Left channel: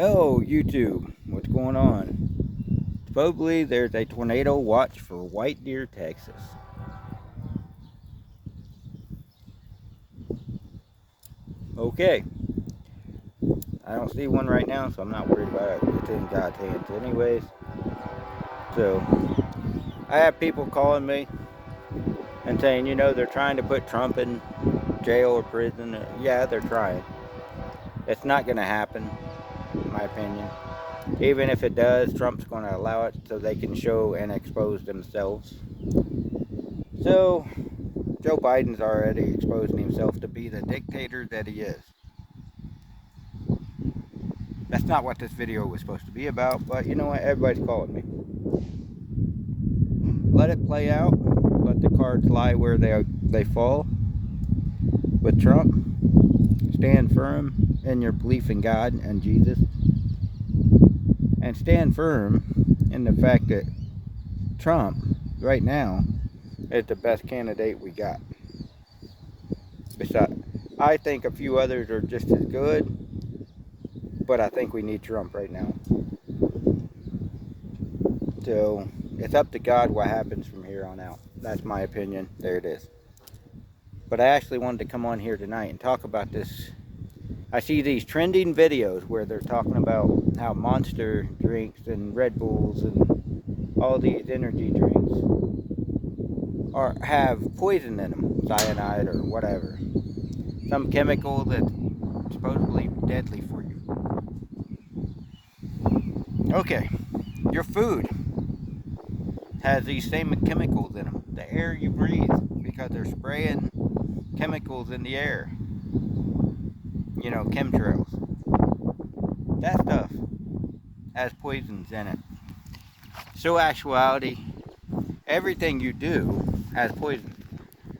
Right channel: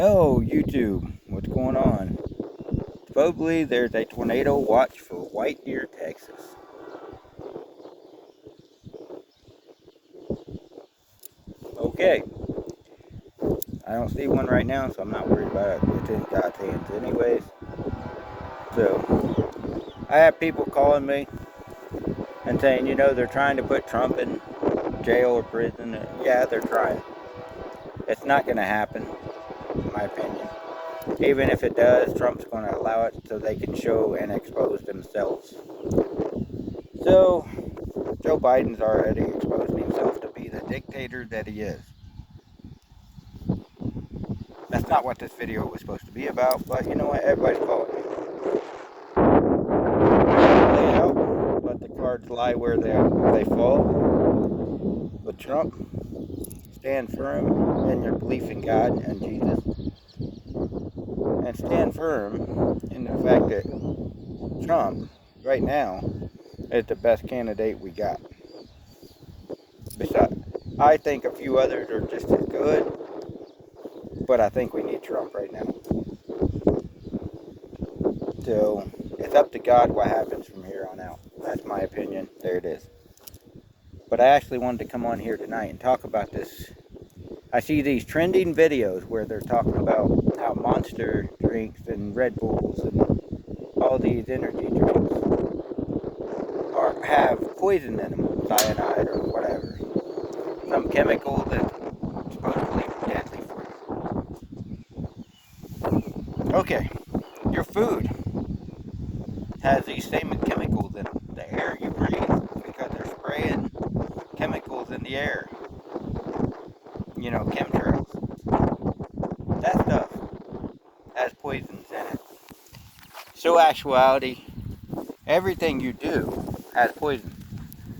Oh, YouTube, what's going on? Supposedly there's a tornado watch for White Deer, Texas. Okay, I don't see one right now, so I'm not worried about it. It's in God's hands anyways. So, I have people calling me and saying, they're trying to put Trump in jail or prison. Yeah, they're trying. It's not going to happen, in my opinion. Even if it does, Trump's going to allow it so they can show and expose themselves. So, Joe Biden's already exposing himself to be the dictator that he is. That's not what this video was supposed to be about, but you know what? Everybody's calling me. Let it play out. Let the cards lie where they fall. With Trump, stand firm in your belief in God and Jesus. And stand firm in the fact that Trump, right now, is the best candidate we got. Besides, I think a few others are just as good, but I think we need Trump right now. So, it's up to God what happens from here on out. That's my opinion. There it is. But I actually wanted to come on here tonight and talk about this. I see these trending videos where they're talking about how Monster drinks and Red Bulls and all these energy drinks have poison in them, cyanide or whatever. Some chemical that's supposedly deadly for you. Okay, your food has these same chemicals in them. The air you breathe, because they're spraying chemicals in the air. Chemtrails. That stuff has poisons in it. So actuality, everything you do has poison.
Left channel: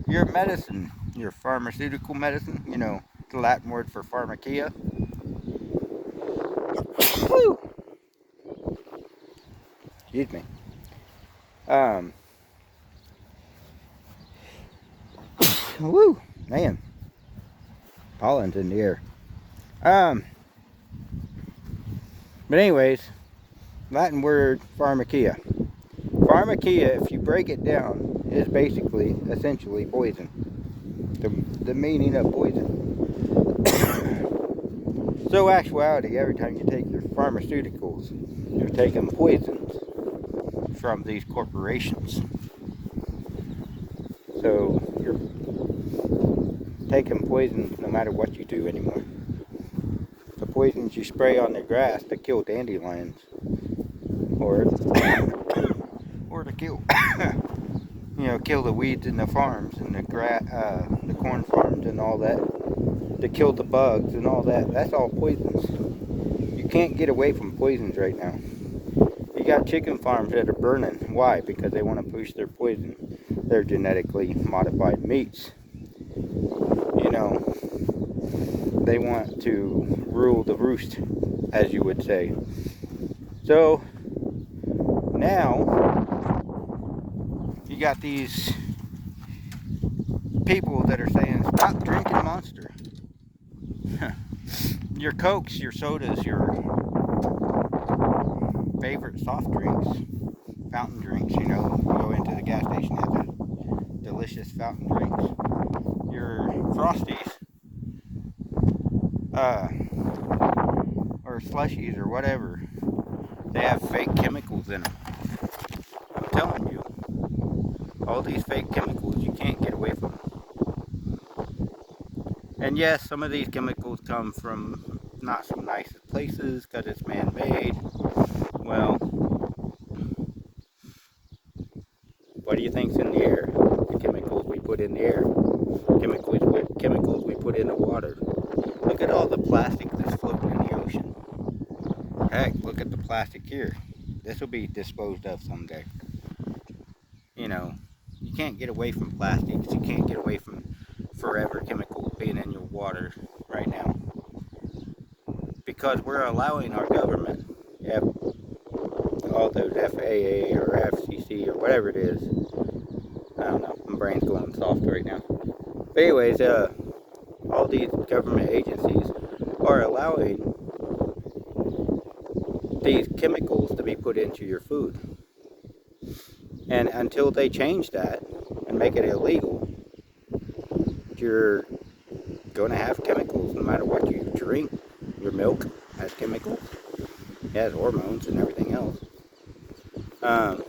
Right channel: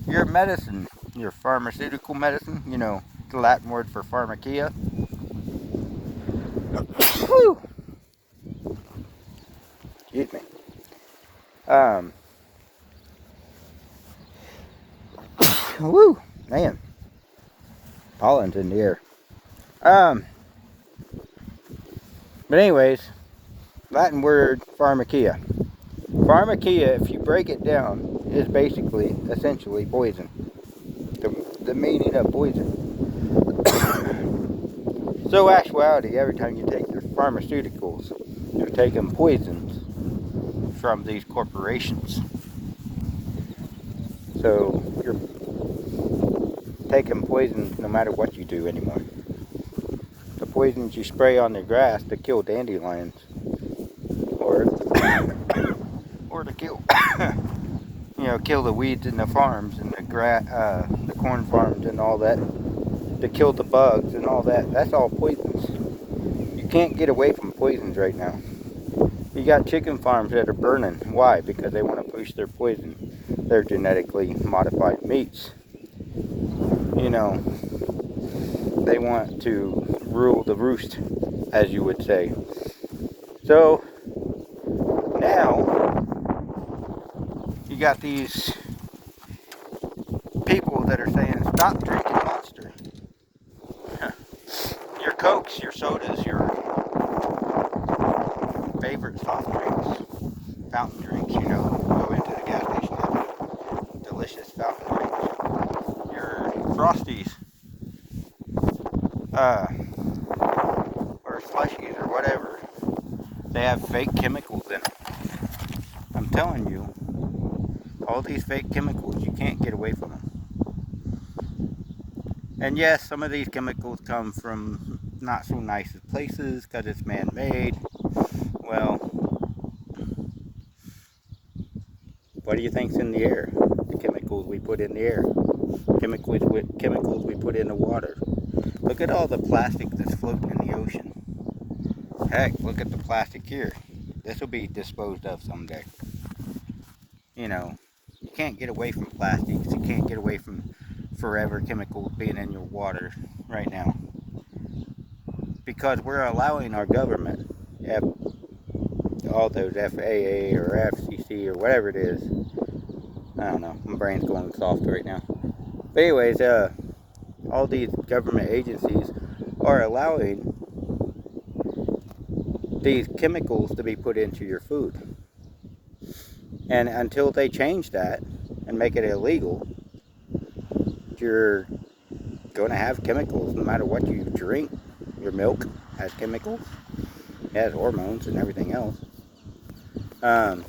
Your medicine, your pharmaceutical medicine, the Latin word for pharmakia. Excuse me. Woo, man. Pollen's in the air. But anyways, Latin word pharmakia. Pharmakia, if you break it down, is basically, essentially poison. The meaning of poison. So actuality, every time you take your pharmaceuticals, you're taking poisons from these corporations. So you're taking poisons no matter what you do anymore. The poisons you spray on the grass to kill dandelions, or to kill, kill the weeds in the farms and the corn farms and all that, to kill the bugs and all that. That's all poisons. You can't get away from poisons right now. You got chicken farms that are burning. Why? Because they want to push their poison, their genetically modified meats. They want to rule the roost, as you would say. So now you got these people that are saying, stop drinking Monster. Your Cokes, your sodas, your favorite soft drinks, fountain drinks, go into the gas station and get delicious fountain drinks. Your Frosties, or slushies, or whatever. They have fake chemicals in them. I'm telling you, all these fake chemicals, you can't get away from them. And yes, some of these chemicals come from not so nice places because it's man-made. Well, what do you think's in the air? The chemicals we put in the air. Chemicals we put in the water. Look at all the plastic that's floating in the ocean. Heck, look at the plastic here. This will be disposed of someday. You can't get away from plastics. You can't get away from forever chemicals being in your water right now. Because we're allowing our government, all those FAA or FCC or whatever it is. I don't know. My brain's going soft right now. But anyways, all these government agencies are allowing these chemicals to be put into your food. And until they change that and make it illegal, you're going to have chemicals no matter what you drink. Your milk has chemicals, it has hormones and everything else. Um,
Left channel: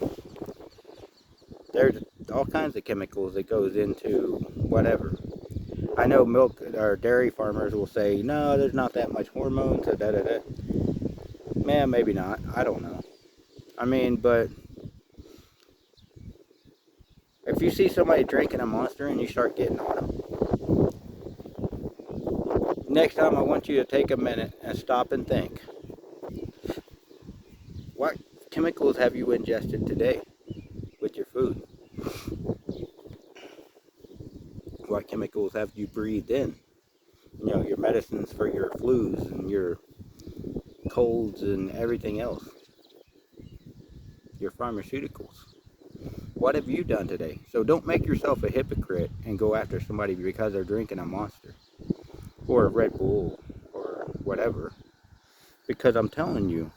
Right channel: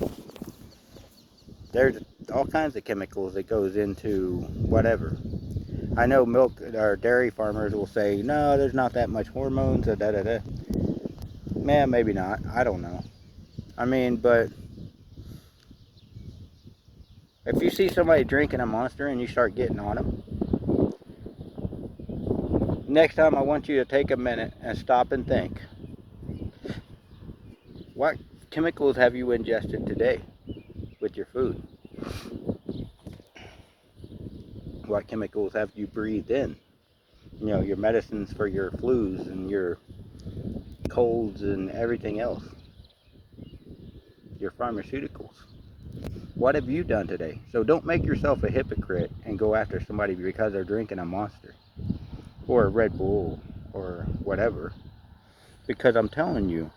there's all kinds of chemicals that goes into whatever. I know milk or dairy farmers will say, no, there's not that much hormones, or da da da. Man, maybe not. I don't know. I mean, but if you see somebody drinking a Monster and you start getting on them, next time I want you to take a minute and stop and think, what chemicals have you ingested today with your food? What chemicals have you breathed in? You know, your medicines for your flus and your colds and everything else. Your pharmaceuticals. What have you done today? So don't make yourself a hypocrite and go after somebody because they're drinking a Monster or a Red Bull or whatever. Because I'm telling you,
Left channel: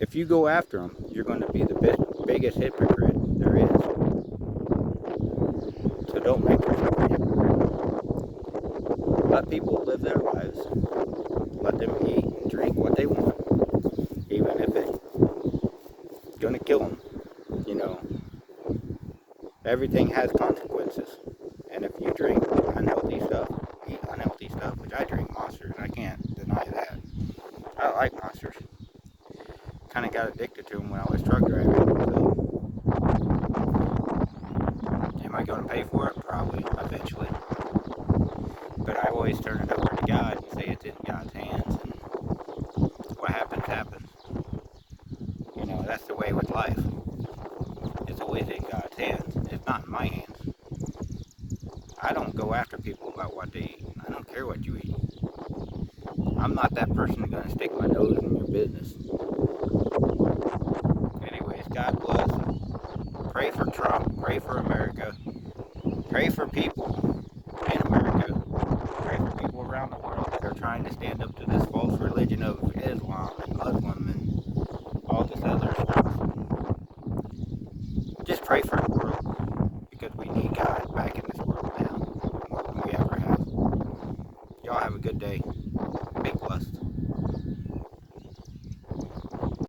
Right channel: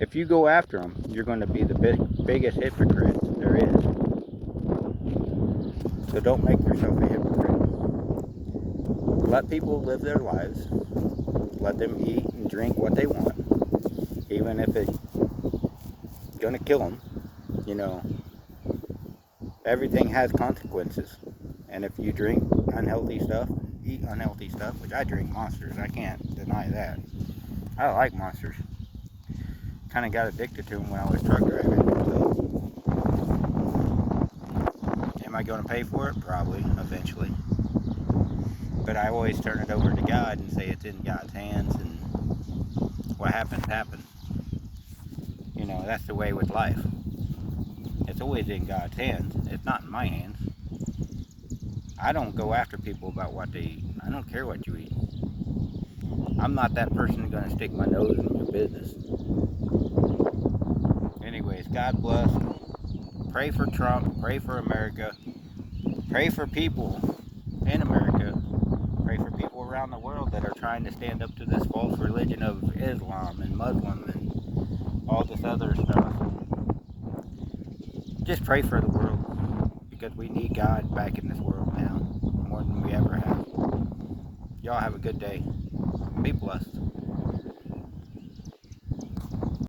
if you go after them, you're going to be the biggest hypocrite there is. So don't make yourself a hypocrite. Let people live their lives. Let them eat and drink what they want, even if it's going to kill them. You know, everything has consequences. And if you drink unhealthy stuff, eat unhealthy stuff, which I drink Monsters, I can't deny that. I like Monsters. Kind of got addicted to them when I was truck driving. So, am I going to pay for it? Probably, eventually. But I always turn it over to God and say it's in God's hands, and what happens, happens. You know, that's the way with life. It's always in God's hands. It's not in my hands. I don't go after people about what they eat. I don't care what you eat. I'm not that person who's going to stick my nose in your business. Anyways, God bless. Pray for Trump. Pray for America. Pray for people in America. Pray for people around the world that are trying to stand up to this false religion of Islam and Muslim and all this other stuff. Just pray for the world, because we need God back in this world now more than we ever have. Y'all have a good day. Be blessed.